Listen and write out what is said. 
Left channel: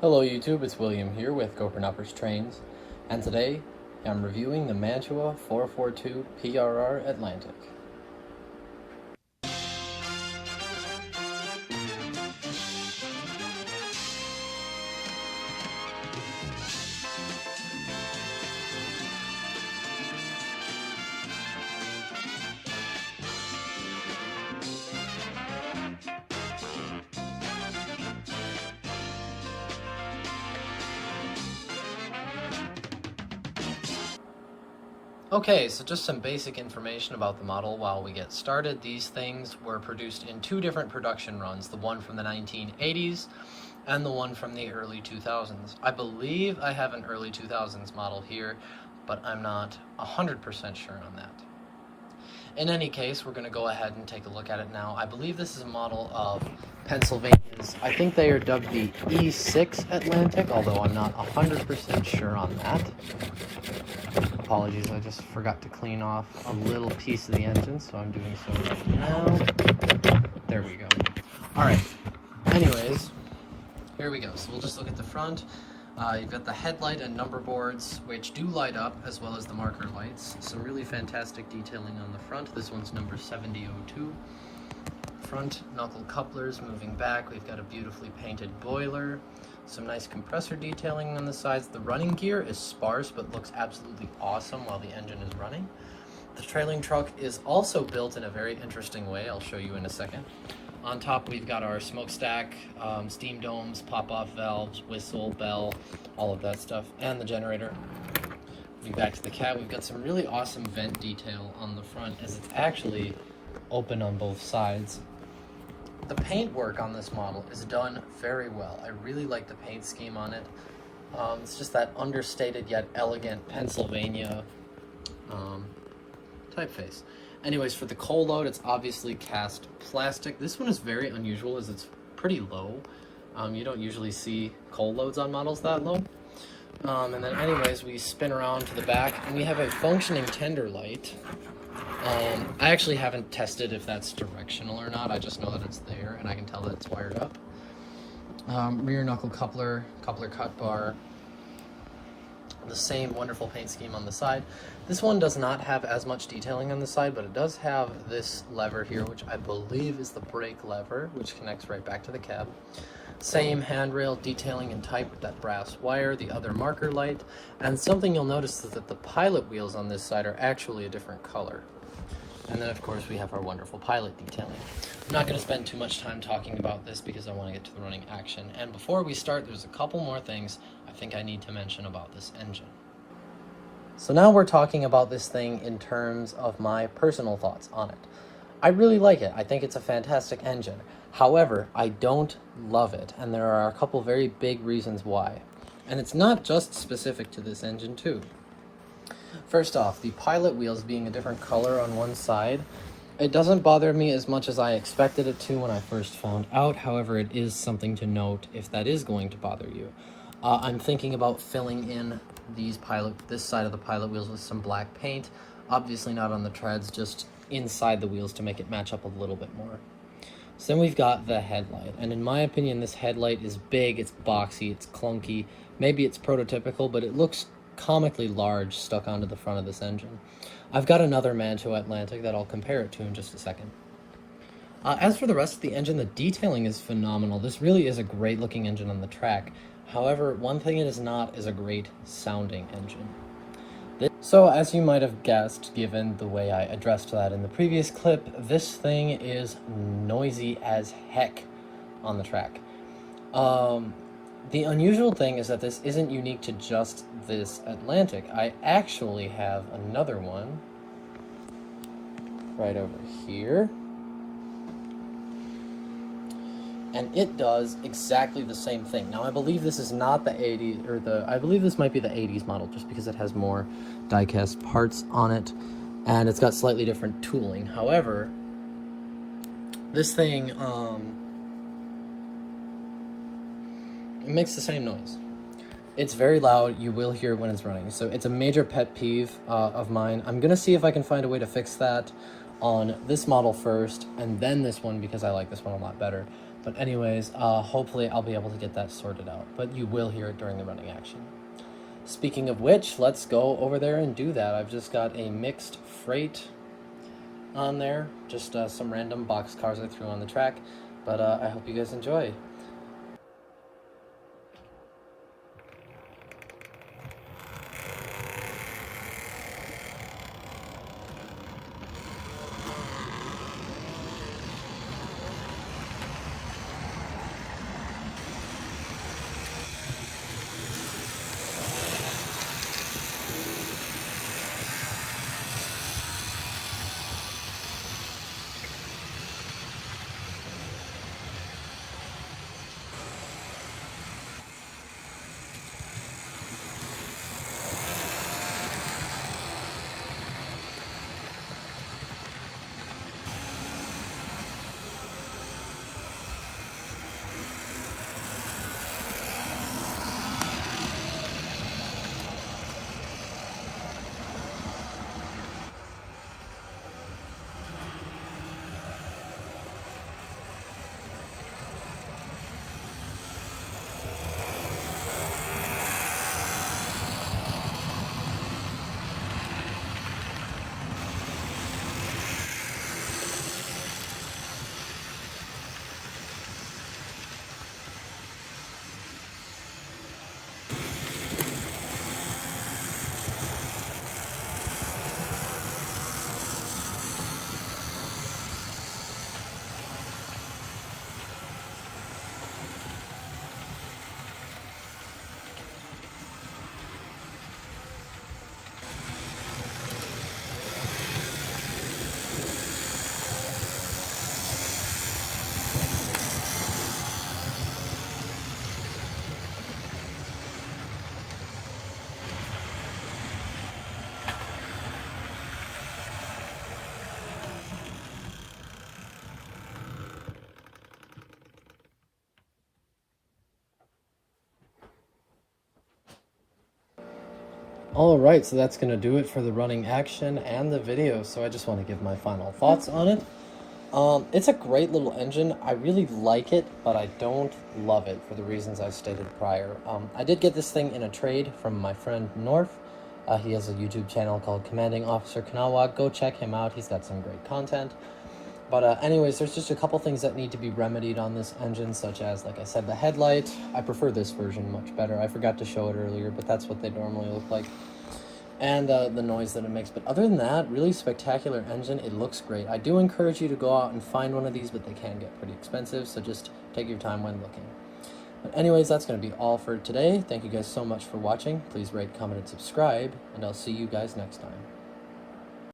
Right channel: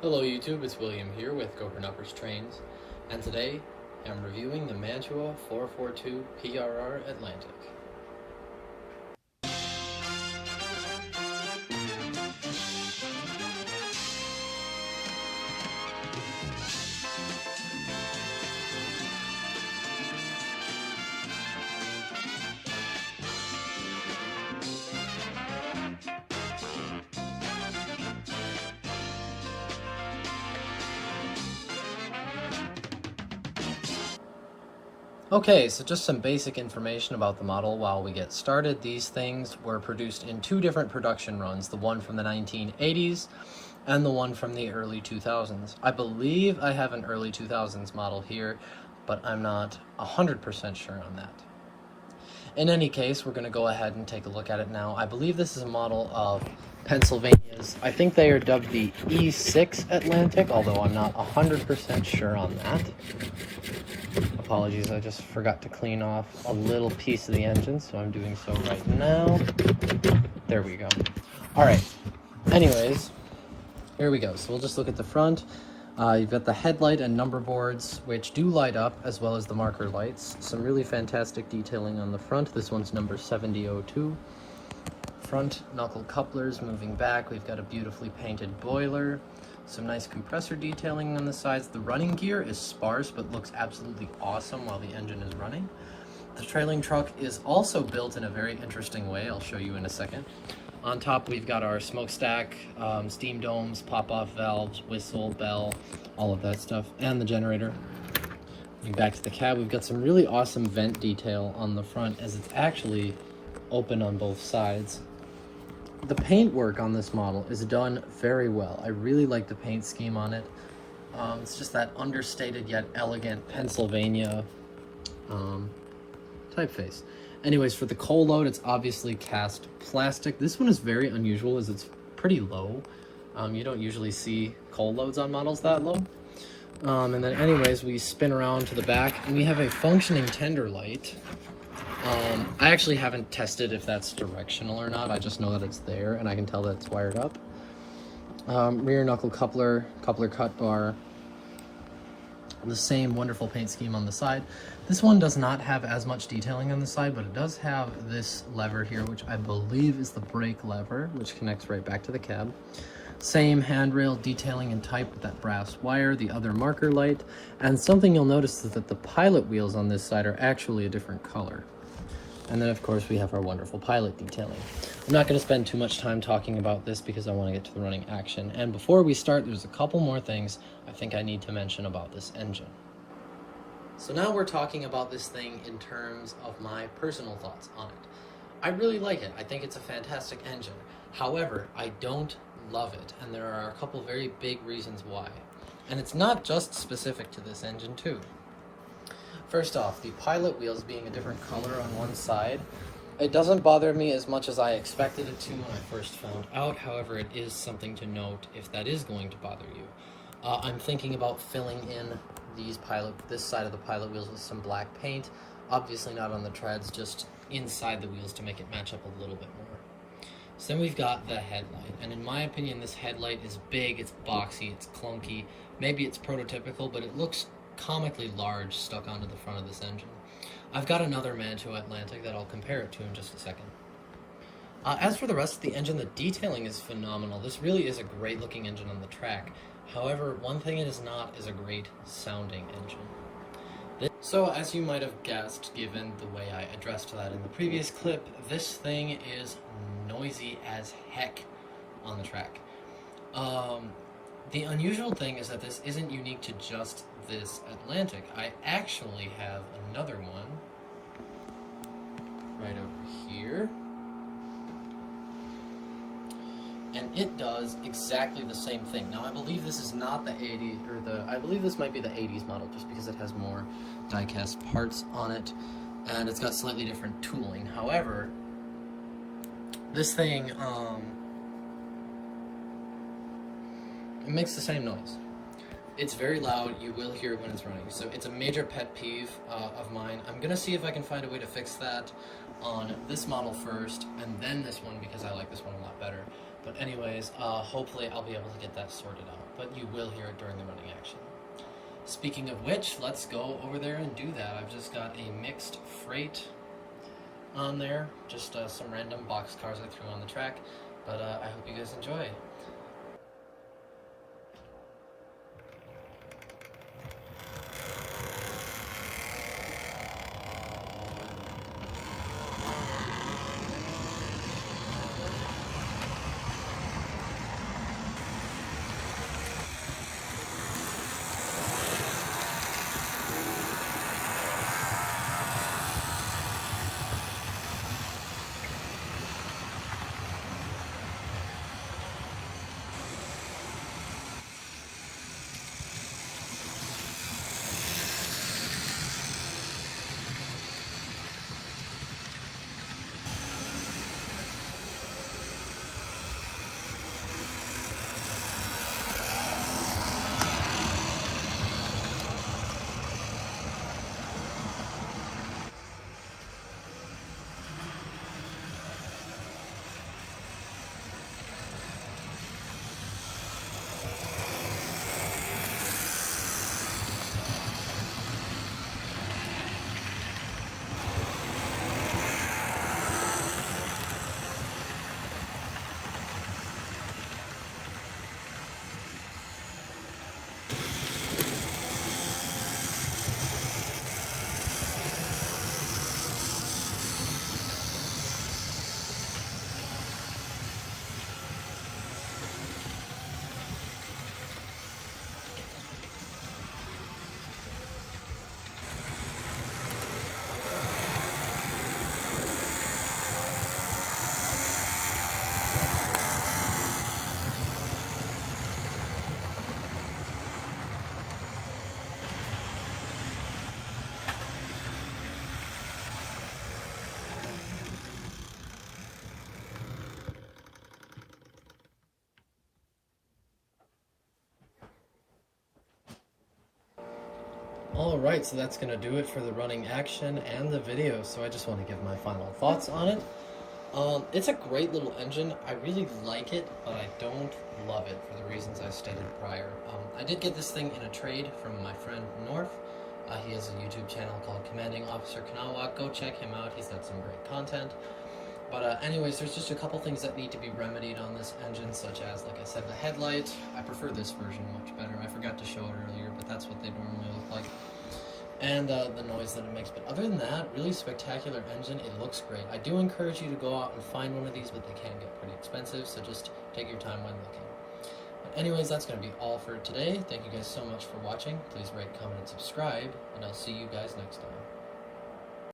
Hello YouTube, it's William here with Gophernuppers Trains, and today I'm reviewing the Mantua 442 PRR Atlantic. Okay, so just some basic information about the model while we get started. These things were produced in two different production runs, the one from the 1980s and the one from the early 2000s. I believe I have an early 2000s model here, but I'm not 100% sure on that. In any case, we're going to go ahead and take a look at it now. I believe this is a model of Pennsylvania's. I think they are dubbed the E6 Atlantic, although I'm not 100% sure on that. Apologies, I just forgot to clean off a little piece of the engine, so I'm doing so right now. There we go. All right. Anyways, here we go. So we'll just look at the front. You've got the headlight and number boards, which do light up, as well as the marker lights. Some really fantastic detailing on the front. This one's number 7002. Front knuckle couplers moving back. We've got a beautifully painted boiler. Some nice compressor detailing on the sides. The running gear is sparse, but looks absolutely awesome while the engine is running. The trailing truck is also built in a very interesting way. I'll show you in a second. On top, we've got our smokestack, steam domes, pop-off valves, whistle, bell, all of that stuff, and the generator. Moving back to the cab, we've got some really awesome vent detail on the front as it's actually open on both sides. The paint work on this model is done very well. I really like the paint scheme on it. It's just that understated yet elegant Pennsylvania typeface. Anyways, for the coal load, it's obviously cast plastic. This one is very unusual as it's pretty low. You don't usually see coal loads on models that low. And then anyways, we spin around to the back and we have a functioning tender light. I actually haven't tested if that's directional or not. I just know that it's there and I can tell that it's wired up. Rear knuckle coupler cut bar. The same wonderful paint scheme on the side. This one does not have as much detailing on the side, but it does have this lever here, which I believe is the brake lever, which connects right back to the cab. Same handrail detailing and type with that brass wire, the other marker light, and something you'll notice is that the pilot wheels on this side are actually a different color. And then of course we have our wonderful pilot detailing. I'm not going to spend too much time talking about this because I want to get to the running action. And before we start, there's a couple more things I think I need to mention about this engine. So now we're talking about this thing in terms of my personal thoughts on it. I really like it. I think it's a fantastic engine. However, I don't love it, and there are a couple very big reasons why. And it's not just specific to this engine too. First off, the pilot wheels being a different color on one side, it doesn't bother me as much as I expected it to when I first found out. However, it is something to note if that is going to bother you. I'm thinking about filling in this side of the pilot wheels with some black paint. Obviously not on the treads, just inside the wheels to make it match up a little bit more. So then we've got the headlight, and in my opinion this headlight is big, it's boxy, it's clunky, maybe it's prototypical, but it looks comically large stuck onto the front of this engine. I've got another Mantua Atlantic that I'll compare it to in just a second. As for the rest of the engine, the detailing is phenomenal. This really is a great looking engine on the track. However, one thing it is not is a great sounding engine. So as you might have guessed, given the way I addressed that in the previous clip, this thing is noisy as heck on the track. The unusual thing is that this isn't unique to just this Atlantic. I actually have another one right over here. And it does exactly the same thing. Now, I believe this is not the 80s, I believe this might be the 80s model, just because it has more die-cast parts on it, and it's got slightly different tooling. However, this thing, it makes the same noise. It's very loud, you will hear it when it's running, so it's a major pet peeve of mine. I'm gonna see if I can find a way to fix that on this model first, and then this one, because I like this one a lot better. But anyways, hopefully I'll be able to get that sorted out, but you will hear it during the running action. Speaking of which, let's go over there and do that. I've just got a mixed freight on there, just some random box cars I threw on the track, but I hope you guys enjoy. Alright, so that's going to do it for the running action and the video, so I just want to give my final thoughts on it. It's a great little engine. I really like it, but I don't love it for the reasons I stated prior. I did get this thing in a trade from my friend North. He has a YouTube channel called Commanding Officer Kanawa. Go check him out. He's got some great content. But anyways, there's just a couple things that need to be remedied on this engine, such as, like I said, the headlight. I prefer this version much better. I forgot to show it earlier, but that's what they normally look like. And the noise that it makes. But other than that, really spectacular engine. It looks great. I do encourage you to go out and find one of these, but they can get pretty expensive, so just take your time when looking. But anyways, that's going to be all for today. Thank you guys so much for watching. Please rate, comment, and subscribe, and I'll see you guys next time.